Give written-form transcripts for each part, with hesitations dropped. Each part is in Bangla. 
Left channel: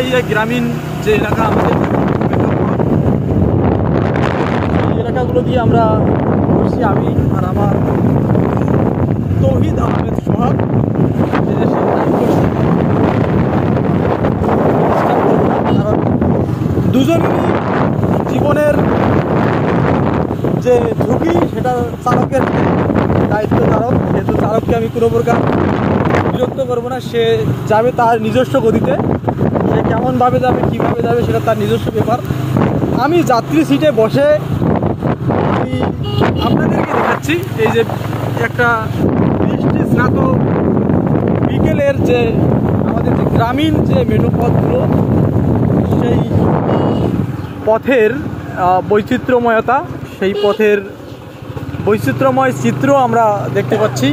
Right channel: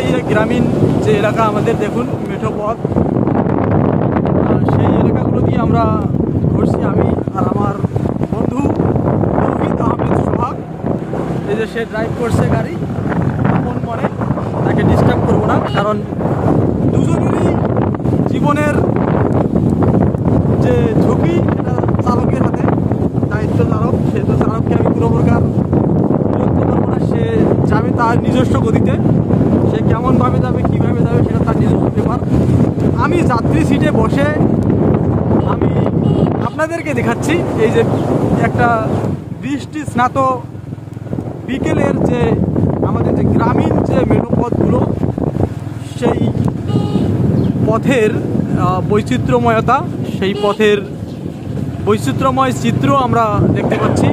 এই গ্রামীণ যে এলাকা আমাদের দেখুন মেঠো পথ, এই এলাকাগুলো দিয়ে আমরা ঘুরছি আমি আর আমার বন্ধু তৌহিদ আহমেদ সোহাগ। এই যে সে টাইপ করছে গাড়ি, তাকে ডিস্টার্ব করবো না, কারণ দুজনেরই জীবনের যে ঝুঁকি সেটা চালকের হাতে, দায়িত্ব চালক, সেহেতু চালককে আমি পুরো প্রকার বিরক্ত করবো না। সে যাবে তার নিজস্ব গতিতে, সে কেমনভাবে যাবে কীভাবে যাবে সেটা তার নিজস্ব ব্যাপার। আমি যাত্রী সিটে বসে আমি আপনাদেরকে দেখাচ্ছি এই যে একটা বৃষ্টি স্নাত বিকেলের যে আমাদের যে গ্রামীণ যে মেঠো পথগুলো, সেই পথের বৈচিত্র্যময়তা, সেই পথের বৈচিত্র্যময় চিত্র আমরা দেখতে পাচ্ছি।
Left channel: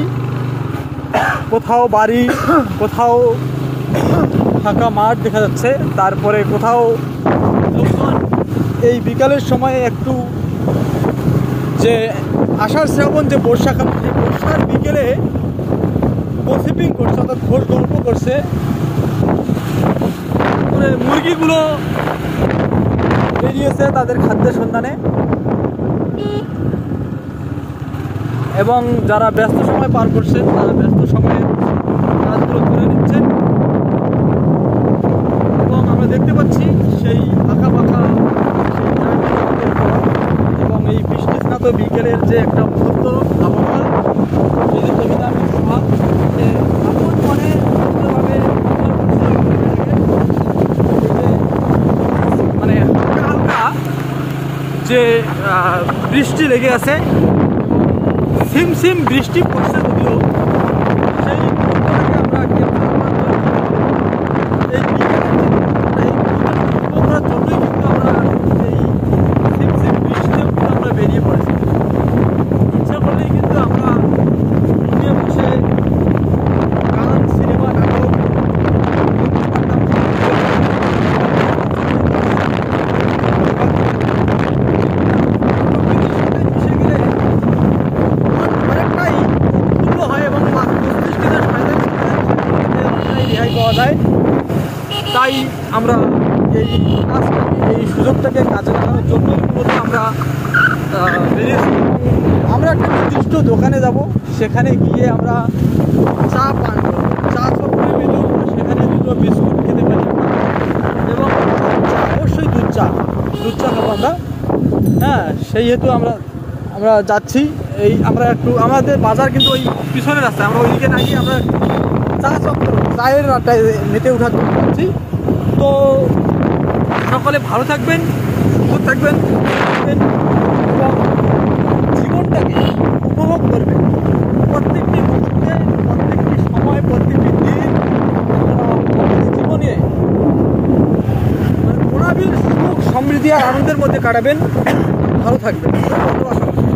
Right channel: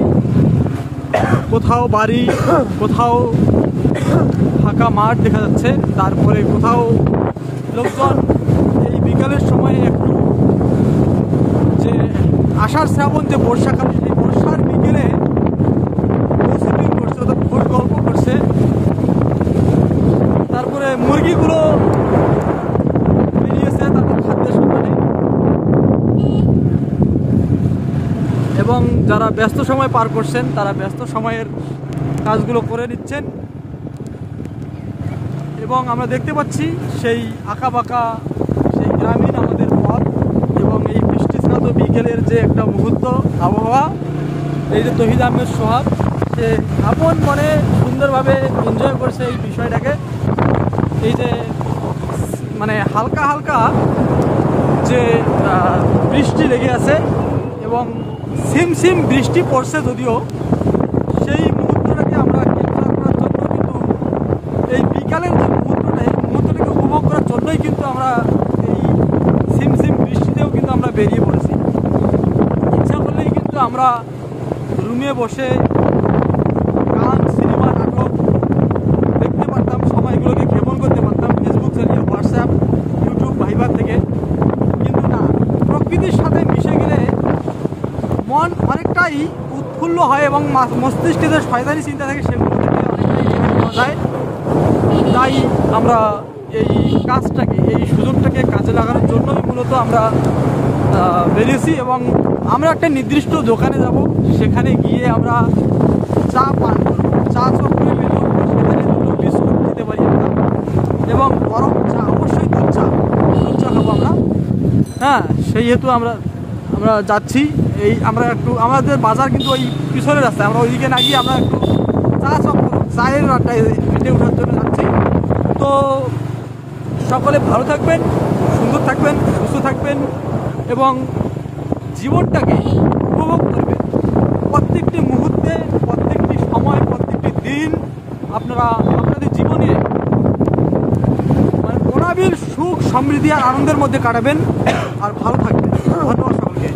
কোথাও বাড়ি, কোথাও ফাঁকা মাঠ দেখা যাচ্ছে, তারপরে কোথাও লোকজন এই বিকালের সময় একটু যে আষাঢ় শ্রাবণ যে বর্ষাকাল, সেই বর্ষার বিকেলে গসিপিং করছে, অর্থাৎ ঘোর গল্প করছে। তারপরে মুরগিগুলো বেরিয়েছে তাদের খাদ্যের সন্ধানে, এবং যারা ব্যস্ত সময় পার করছেন তারা ব্যস্ত সময়ের কাজগুলো করে নিচ্ছেন। এবং আমরা দেখতে পাচ্ছি সেই আঁকা বাঁকা সেই গ্রামীণ আমাদের পথ এবং এই বৃষ্টি স্নাত বিকেলের যে একটা মুহূর্ত আবহাওয়া। এই যে তৌহিদ আহমেদ সোহাগ যে আপন মনে সুন্দরভাবে এনজয় করছে এই বিষয়টাকে। এই যে মানে হালকা হালকা যে বৃষ্টি লেগে আছে এবং সিম সিম বৃষ্টি পড়ছে, যদিও সেই মুহূর্তটাকে আমরা ক্যাপচার করার জন্য এই বিকালের যে মুহূর্তটা, এই মুহূর্তটাকে উপভোগ করার জন্যই কিন্তু আমরা এই সিম সিম বৃষ্টিতেও কিন্তু আমরা বেরিয়ে পড়েছি। ইচ্ছা করলেই কিন্তু আমরা রুমে বসে গান, সিনেমা, নাটক দেখতে পারতাম পরিবার থেকে, কিন্তু না, প্রকৃতির সাথে মিশে গেলে মন অনেকটাই উৎফুল্ল হয় এবং মস্তিষ্কে যে শয়তানি চিন্তা থাকে সেগুলো থেকে অনেকটাই রেহাই পাওয়া যায়। তাই আমরা এই কাজটাকে, এই সুযোগটাকে কাজে লাগানোর জন্যই মূলত আমরা বেরিয়েছি। এবং আমরা একটা নির্দিষ্ট দোকানে যাব, সেখানে গিয়ে আমরা চা পান করব, চা চক্করে মেলে উঠবো, সেখানে দুটো বিস্কুট খেতে পারি এবং গরম চা, অবশ্যই দুধ চা খাবো আমরা। হ্যাঁ, সেই হেতু আমরা যাচ্ছি। এই আমরা একটু আমাদের বাজার কিন্তু ওই পিছনের রাস্তায়, আমরা ওইদিকে না গিয়ে আমরা চা চক্কর, চায়ের আড্ডায় মেতে উঠার জন্য যাচ্ছি। তো সকলে ভালো থাকবেন, সুন্দর থাকবেন, সুস্থ থাকবেন এবং জীবনটাকে উপভোগ করবেন। প্রত্যেকটি মুহূর্তে, প্রত্যেকটি সময়, প্রত্যেকটি দিন আপনারা আপনাদের জীবনে মানে অনাবিল সুখ, সমৃদ্ধি আর আনন্দের মধ্যে কাটাবেন আর ভালো থাকবেন। ধন্যবাদ সকলকে।